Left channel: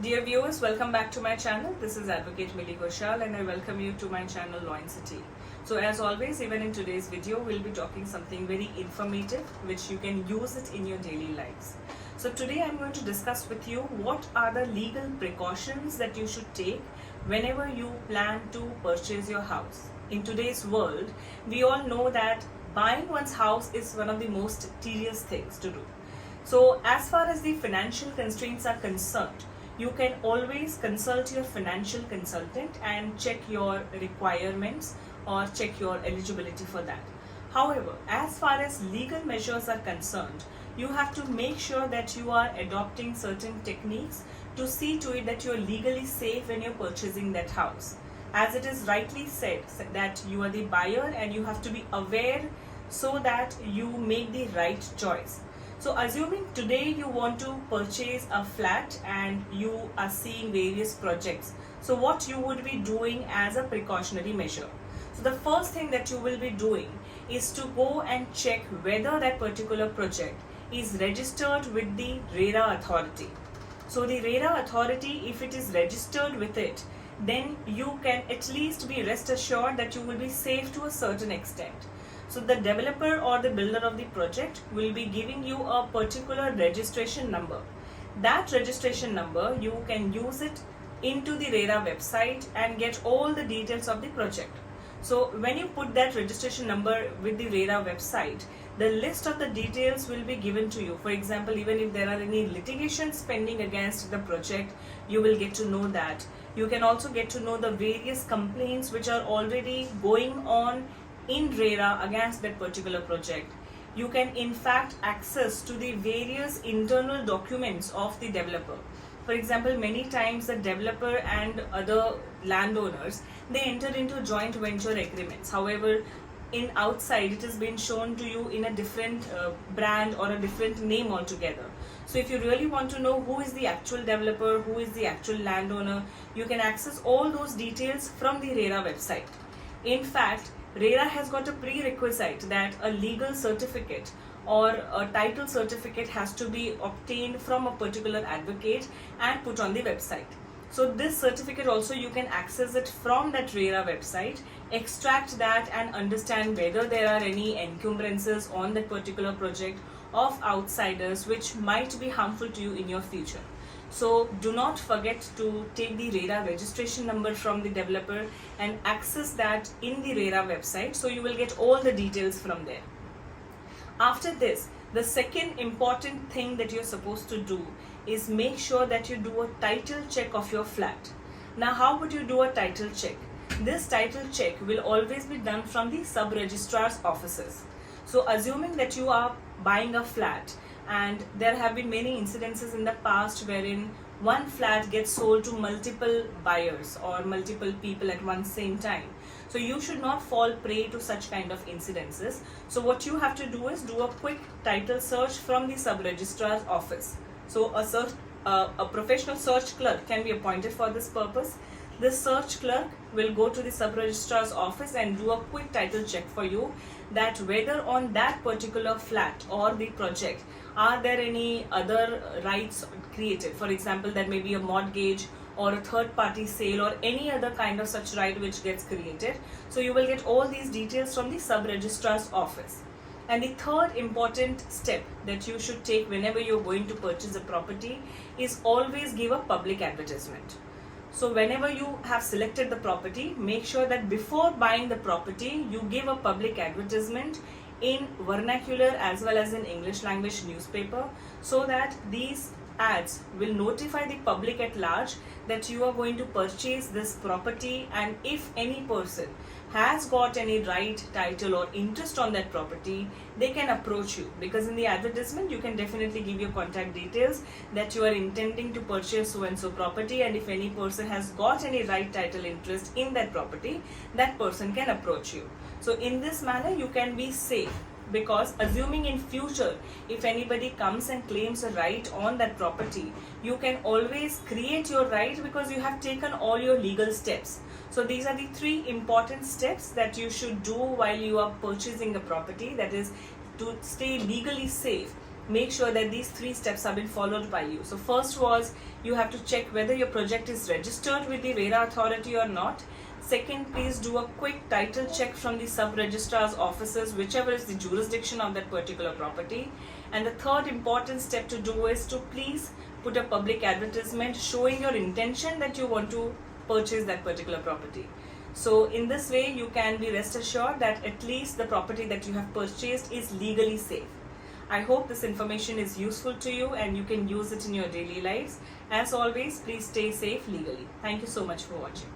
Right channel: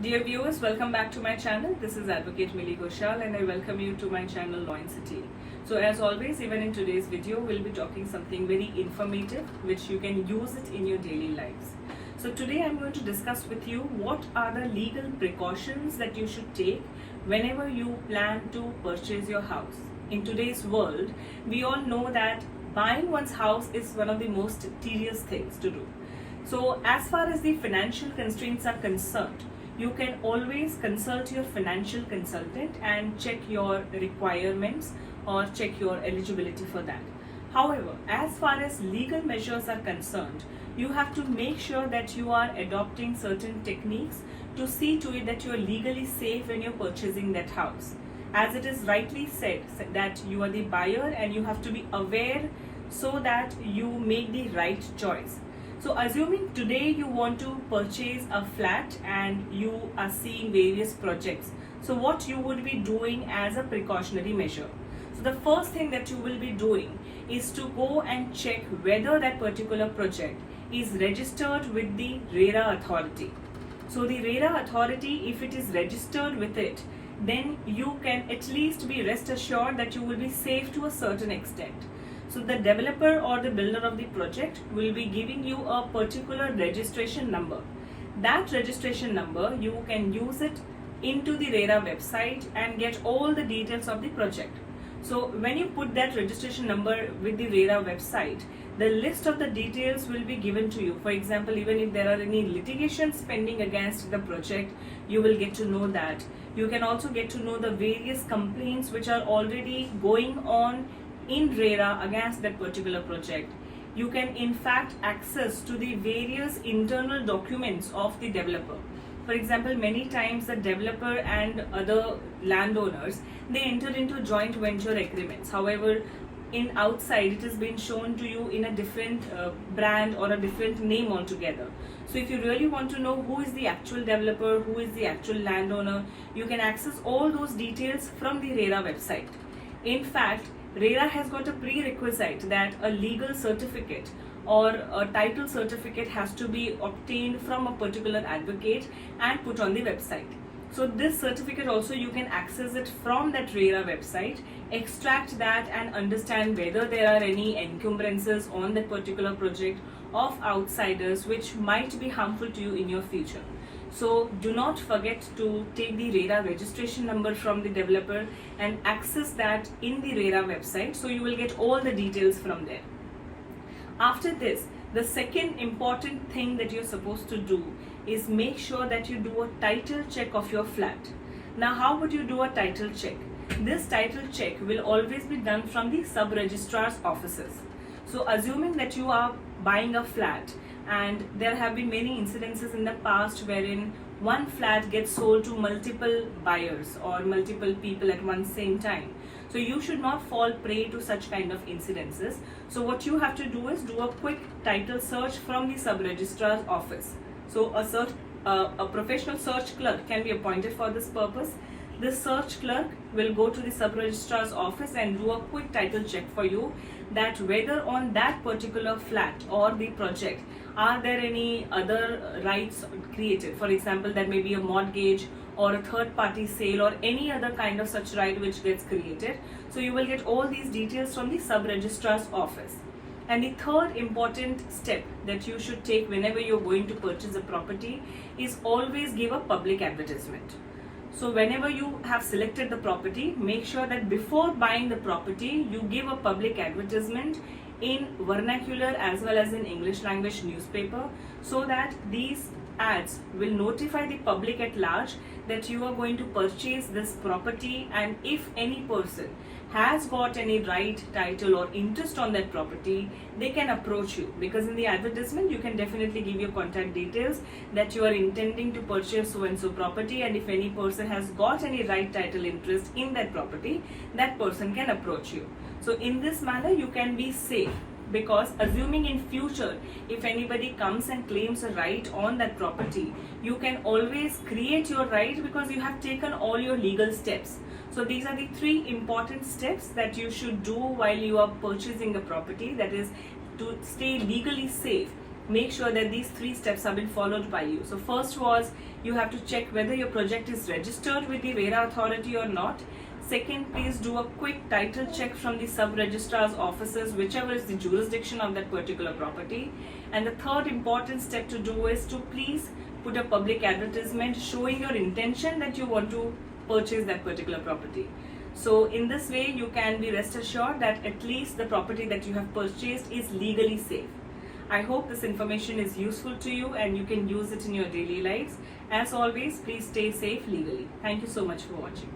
Dear viewers, welcome back to my channel. This is Advocate Millie Ghoshal and I welcome you to my channel Law in City. So as always, even in today's video, we'll be talking something very informative which you can use it in your daily lives. So today I'm going to discuss with you what are the legal precautions that you should take whenever you plan to purchase your house. In today's world, we all know that buying one's house is one of the most tedious things to do. So as far as the financial constraints are concerned, you can always consult your financial consultant and check your requirements or check your eligibility for that. However, as far as legal measures are concerned, you have to make sure that you are adopting certain techniques to see to it that you are legally safe when you're purchasing that house. As it is rightly said that you are the buyer and you have to be aware so that you make the right choice. So assuming today you want to purchase a flat and you are seeing various projects, so what you would be doing as a precautionary measure? So the first thing that you will be doing is to go and check whether that particular project is registered with the RERA authority. So the RERA authority, if it is registered with it, then you can at least be rest assured that you will be safe to a certain extent. So the developer or the builder of the project will be giving you a particular registration number. That registration number, you can use it into the RERA website and get all the details of the project. So when you put that registration number with the RERA website, the list of the details will be given to you. For example, even if there are any litigations pending against the project, you will get to know that. You can also get to know the various complaints which are already going on in RERA against that particular project. You can in fact access to the various internal documents of the developer. For example, many times the developer and other landowners, they enter into joint venture agreements. However, in outside it has been shown to you in a different brand or a different name altogether. So if you really want to know who is the actual developer, who is the actual landowner, you can access all those details from the RERA website. In fact, RERA has got a prerequisite that a legal certificate or a title certificate has to be obtained from a particular advocate and put on the website. So this certificate also you can access it from that RERA website, extract that and understand whether there are any encumbrances on that particular project of outsiders which might be harmful to you in your future. So do not forget to take the RERA registration number from the developer and access that in the RERA website, so you will get all the details from there. After this, the second important thing that you're supposed to do is make sure that you do a title check of your flat. Now, how would you do a title check? This title check will always be done from the sub-registrar's offices. So assuming that you are buying a flat, and there have been many incidences in the past wherein one flat gets sold to multiple buyers or multiple people at one same time. So you should not fall prey to such kind of incidences. So what you have to do is do a quick title search from the sub-registrar's office. So a professional search clerk can be appointed for this purpose. This search clerk will go to the sub-registrar's office and do a quick title check for you that whether on that particular flat or the project are there any other rights created. For example, there may be a mortgage or a third party sale or any other kind of such right which gets created. So you will get all these details from the sub-registrar's office. And the third important step that you should take whenever you're going to purchase a property is always give a public advertisement. So whenever you have selected the property, make sure that before buying the property, you give a public advertisement in vernacular as well as in English language newspaper, so that these ads will notify the public at large that you are going to purchase this property, and if any person has got any right, title or interest on that property, they can approach you, because in the advertisement you can definitely give your contact details that you are intending to purchase so and so property, and if any person has got any right, title, interest in that property, that person can approach you. So in this manner you can be safe, because assuming in future if anybody comes and claims a right on that property, you can always create your right because you have taken all your legal steps. So these are the three important steps that you should do while you are purchasing the property, that is to stay legally safe make sure that these 3 steps have been followed by you. So first was, you have to check whether your project is registered with the RERA authority or not. Second, please do a quick title check from the sub-registrar's offices, whichever is the jurisdiction of that particular property. And the third important step to do is to please put a public advertisement showing your intention that you want to purchase that particular property. So in this way, you can be rest assured that at least the property that you have purchased is legally safe. I hope this information is useful to you and you can use it in your daily lives. As always, please stay safe legally. Thank you so much for watching.